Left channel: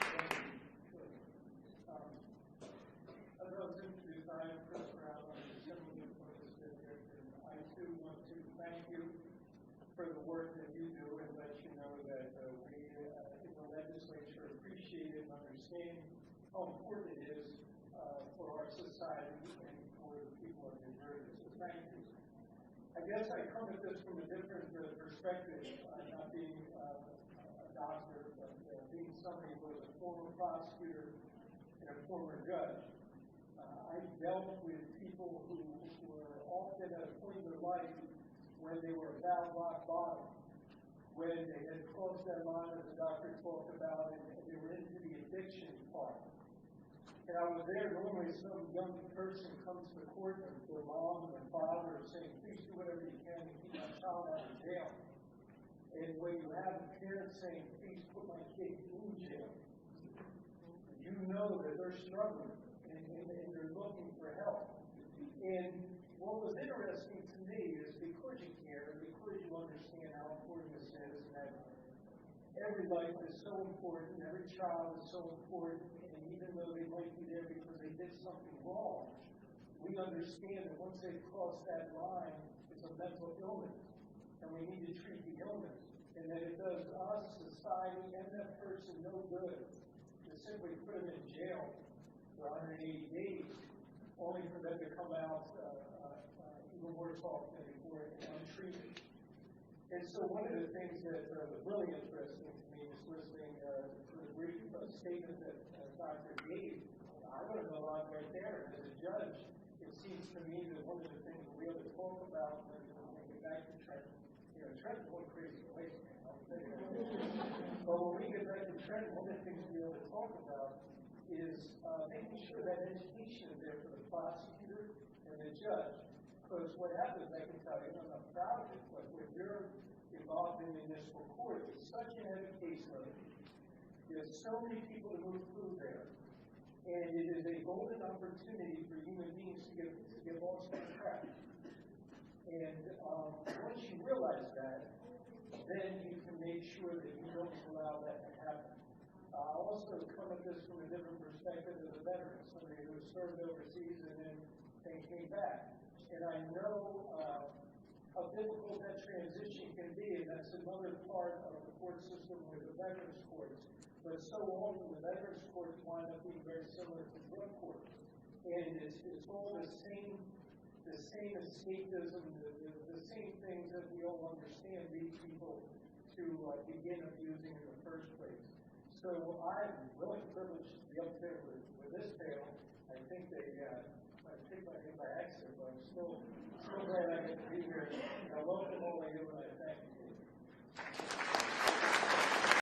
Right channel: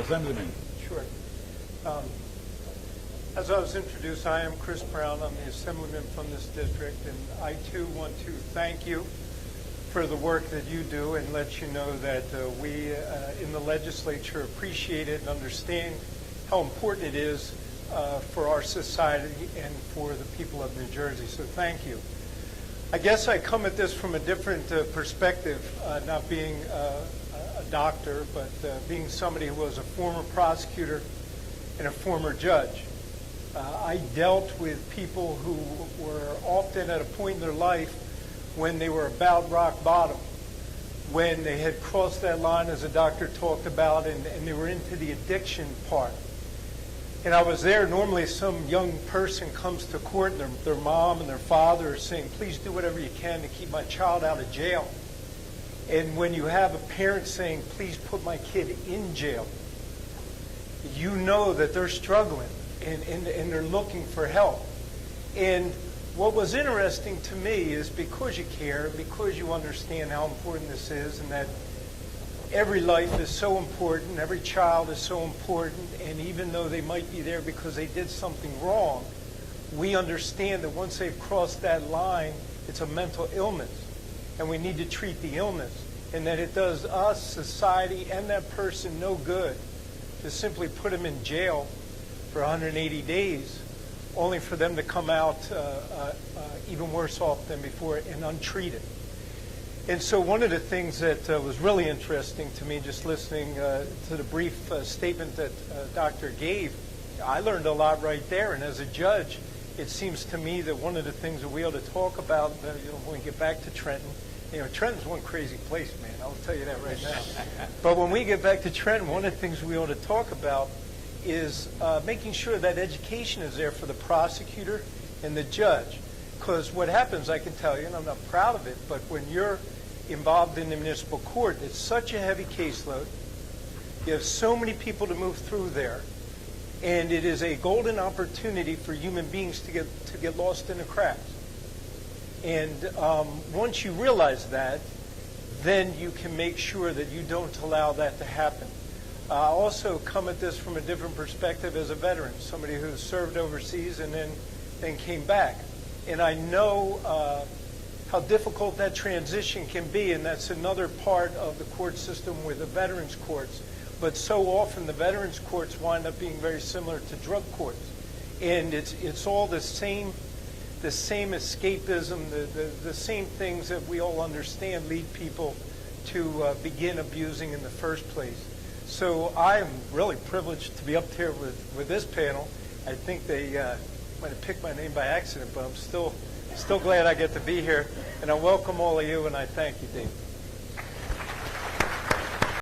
Assemblyman. Sure. As I was introduced, I am Chris Brown. I'm the Assemblyman from this district, and I too want to thank you for the work that you do and let you know that we in the legislature appreciate it and understand how important it is for our society and for the people of New Jersey. So thank you. I guess I come at this from a different perspective, not being a doctor, but being somebody who was a former prosecutor and a former judge. I dealt with people who were often at a point in their life when they were about rock bottom, when they had crossed that line, as the doctor talked about, and they were into the addiction part. And I was there. Normally some young person comes to court and their mom and their father are saying, please do whatever you can to keep my child out of jail. And when you have a parent saying, please put my kid in jail, you know that they're struggling and they're looking for help. And what was interesting to me is because you care, because you understand how important this is and that every life is so important, every child is so important, and even though they might be there because they did something wrong, we understand that once they've crossed that line, it's a mental illness, and we need to treat the illness, and that it does us, society, and that person no good to simply put them in jail for 180 days, only for them to come out even worse off than before and untreated. And so one of the things that was really interesting to me, just listening to the brief statement that Doctor gave, I learned a lot right there. And as a judge, it seems to me that one of the things that we ought to talk about, when we get back to Trenton, Trenton's one crazy place, man. I'll tell you that right now. But when we get back to Trenton, one of the things we ought to talk about is making sure that education is there for the prosecutor and the judge. Because what happens, I can tell you, and I'm not proud of it, but when you're involved in the municipal court, it's such a heavy caseload. You have so many people to move through there. And it is a golden opportunity for human beings to get lost in the cracks. And once you realize that, then you can make sure that you don't allow that to happen. I also come at this from a different perspective as a veteran, somebody who served overseas and then came back. And I know how difficult that transition can be, and that's another part of the court system with the veterans courts. But so often the veterans courts wind up being very similar to drug courts. And it's all the same escapism, the same things that we all understand lead people to begin abusing in the first place. So I'm really privileged to be up here with this panel. I think they might have picked my name by accident, but I'm still glad I get to be here. And I welcome all of you, and I thank you, Dave.